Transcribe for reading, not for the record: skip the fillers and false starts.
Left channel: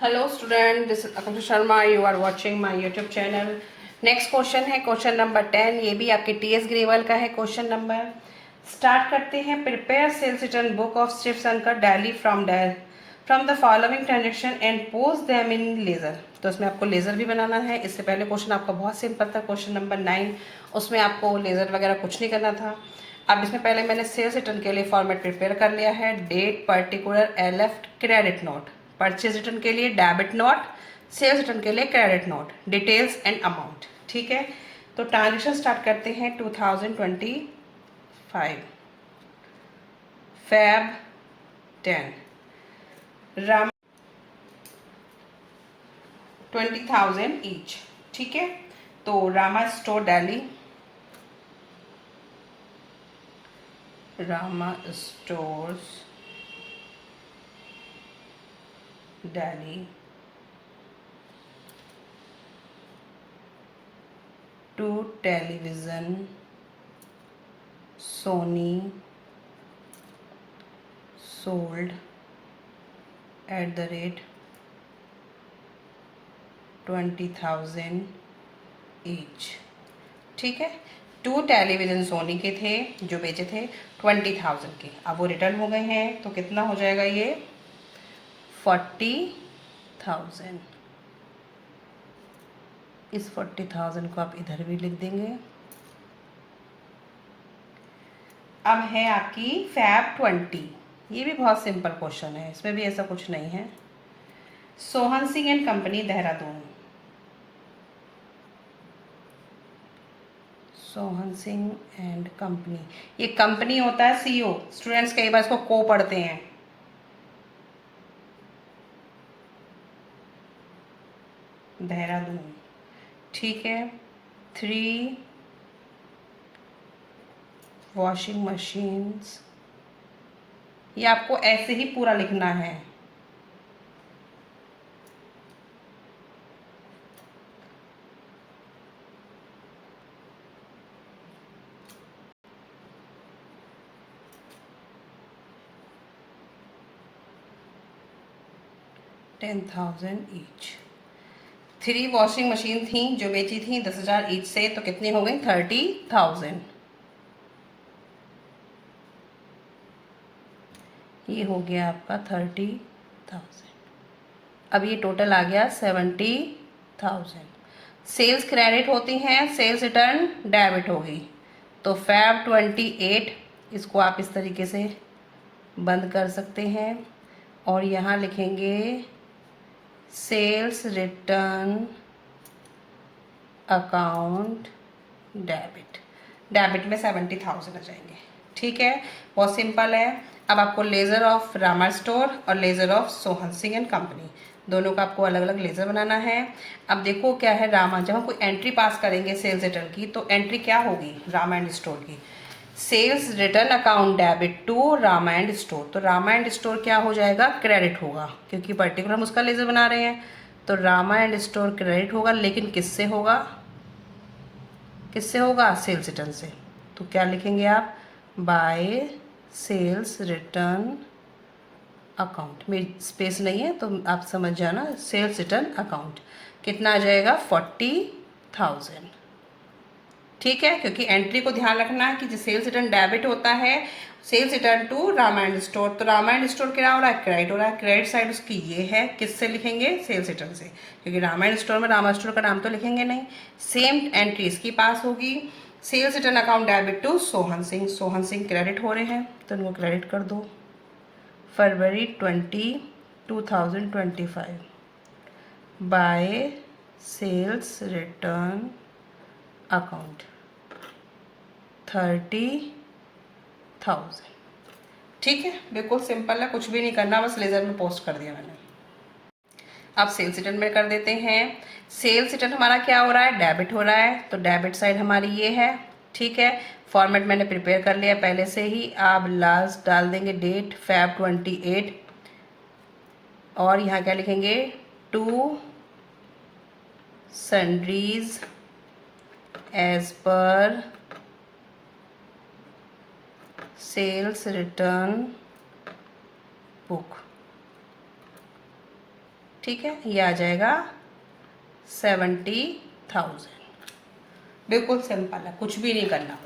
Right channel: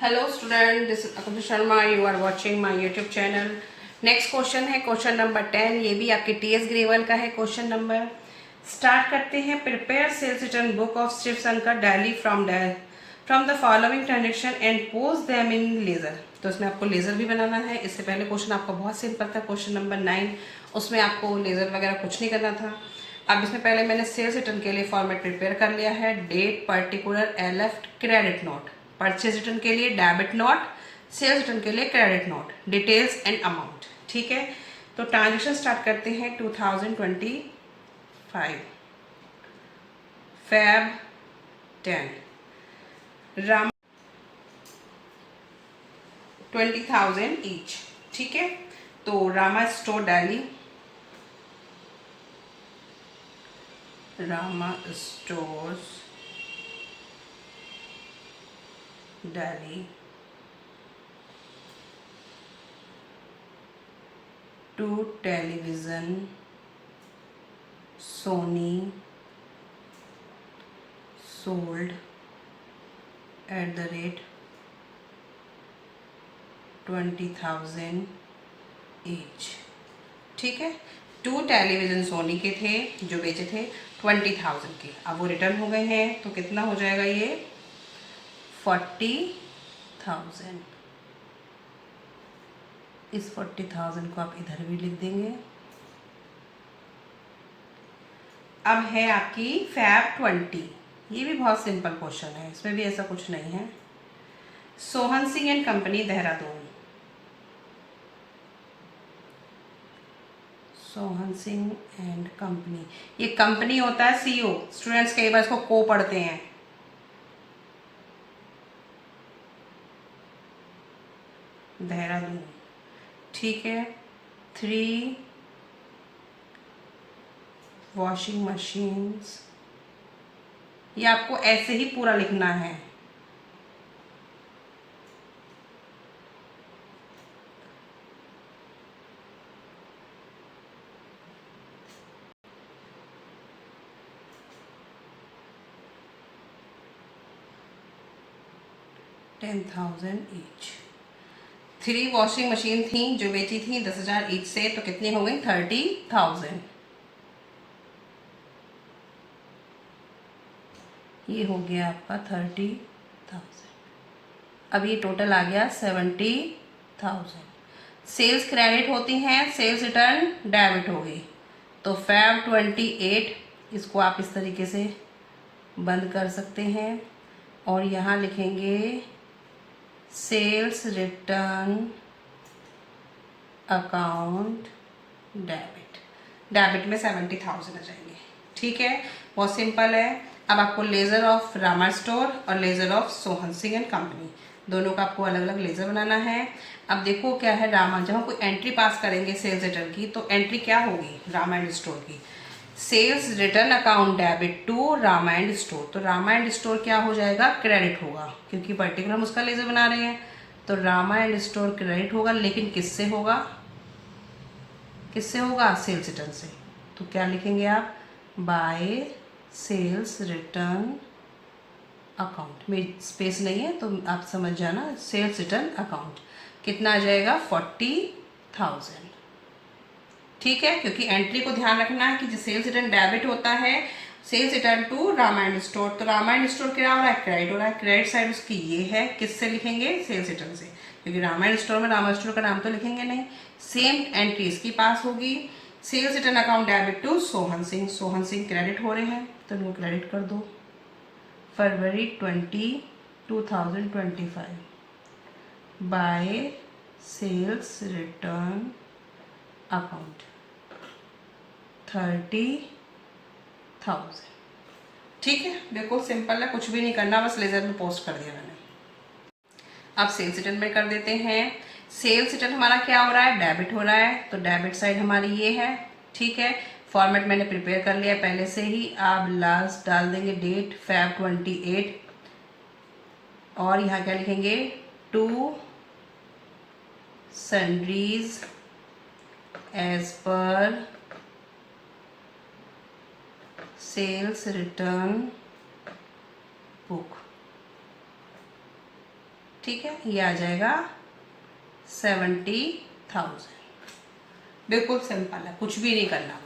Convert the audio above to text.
Hello student, this is Akanksha Sharma. You are watching my YouTube channel. Next question है question number 10। ये भी आपके TS gravel का है क्वेश्चन नंबर। स्टार्ट करते हैं। Prepare sales return book of strips Ankur daily from the following transaction and post them in ledger. तो इसमें आपको लेजर भी बनाना है। इससे पहले क्वेश्चन आपका बहुत सिंपल था, क्वेश्चन नंबर 9। उसमें आपको लेजर वगैरह कुछ नहीं करना था। अब इसमें पहले मैंने सेल्स रिटर्न के लिए फॉर्मेट प्रिपेयर कर लिया है। Date, particular, LF, credit note. Purchase return के लिए डेबिट नोट, सेल्स रिटर्न के लिए credit note, details and amount. ठीक है, तो ट्रांजेक्शन स्टार्ट करते हैं। 2025 Feb 10 राम 20,000 ईच। ठीक है, तो Rama store Delhi, Rama stores Delhi to television Sony sold at the rate 20,000 each। ठीक है, 2 टेलीविज़न सोनी के थे जो बेचे थे 20,000 के। अब वो रिटर्न हो गए हैं तो कितना हो जाएगा ये 40,000। इस 40,000 को आप इधर भी लिख देंगे। अब है आपकी फैब 20। ये भी बहुत सिंपल क्वेश्चन है, इसमें भी ऐसा कुछ नहीं है। Sohan Singh and company Dehradun, Sohan Singh and company. ये कंपनी होता है सीओ, स्टूडेंट्स कई बार इसको को पढ़ते हैं। देहरादून, ठीक है। 3 वॉशिंग मशीन्स। ये आपको ऐसे ही पूरा लिखना है। $10,000 ईच। 3 वॉशिंग मशीन थी जो बेची थी 10,000 ईच से, तो कितनी हो गई 30,000। ये हो गया आपका 30,000। अब ये टोटल आ गया 70,000। सेल्स क्रेडिट होती हैं, सेल्स रिटर्न डेबिट होगी। तो फैब 28 इसको आप इस तरीके से बंद कर सकते हैं और यहाँ लिखेंगे sales return account debit. Debit में 70,000 आ जाएंगे। ठीक है, बहुत सिंपल है। अब आपको लेज़र ऑफ रामा स्टोर और laser of Sohan Singh and company, दोनों का आपको अलग अलग लेज़र बनाना है। अब देखो क्या है, रामा जब हम कोई एंट्री पास करेंगे सेल्स रिटर्न की, तो एंट्री क्या होगी रामा एंड स्टोर की, sales return account debit to Rama and store. तो रामा एंड स्टोर क्या हो जाएगा, क्रेडिट होगा, क्योंकि पर्टिकुलर हम उसका लेज़र बना रहे हैं। तो रामा एंड स्टोर क्रेडिट होगा, लेकिन किससे होगा, किससे होगा, सेल्स रिटर्न से। तो क्या लिखेंगे आप, बाय सेल्स रिटर्न अकाउंट में स्पेस नहीं है तो आप समझ जाना, सेल्स रिटर्न अकाउंट कितना आ जाएगा 40,000। ठीक है, क्योंकि एंट्री को ध्यान रखना है कि जो सेल्स रिटर्न डेबिट होता है, sales return to Rama and store, तो रामा एंड स्टोर क्या हो रहा है, क्रेडिट हो रहा है। क्रेडिट साइड उसकी ये है, किससे लिखेंगे, सेल्स रिटर्न से, क्योंकि रामा एंड स्टोर में रामा स्टोर का नाम तो लिखेंगे नहीं। सेम एंट्री इसकी पास होगी, sales return account debit to Sohan Singh. Sohan Singh credit हो रहे हैं तो उनको क्रेडिट कर दो। फरवरी 20, 2025 बाय सेल्स रिटर्न अकाउंट 30,000। ठीक है, बिल्कुल सिंपल है, कुछ भी नहीं करना, बस लेजर में पोस्ट कर दिया मैंने। अब सेल्स रिटर्न में कर देते हैं। सेल्स रिटर्न हमारा क्या हो रहा है, डेबिट हो रहा है, तो डेबिट साइड हमारी ये है। ठीक है, फॉर्मेट मैंने प्रिपेयर कर लिया पहले से ही। आप लास्ट डाल देंगे डेट फैब 28 और यहाँ क्या लिखेंगे, to sundries as per sales return book. ठीक है, ये आ जाएगा 70,000। बिल्कुल सिंपल है, कुछ भी नहीं करना।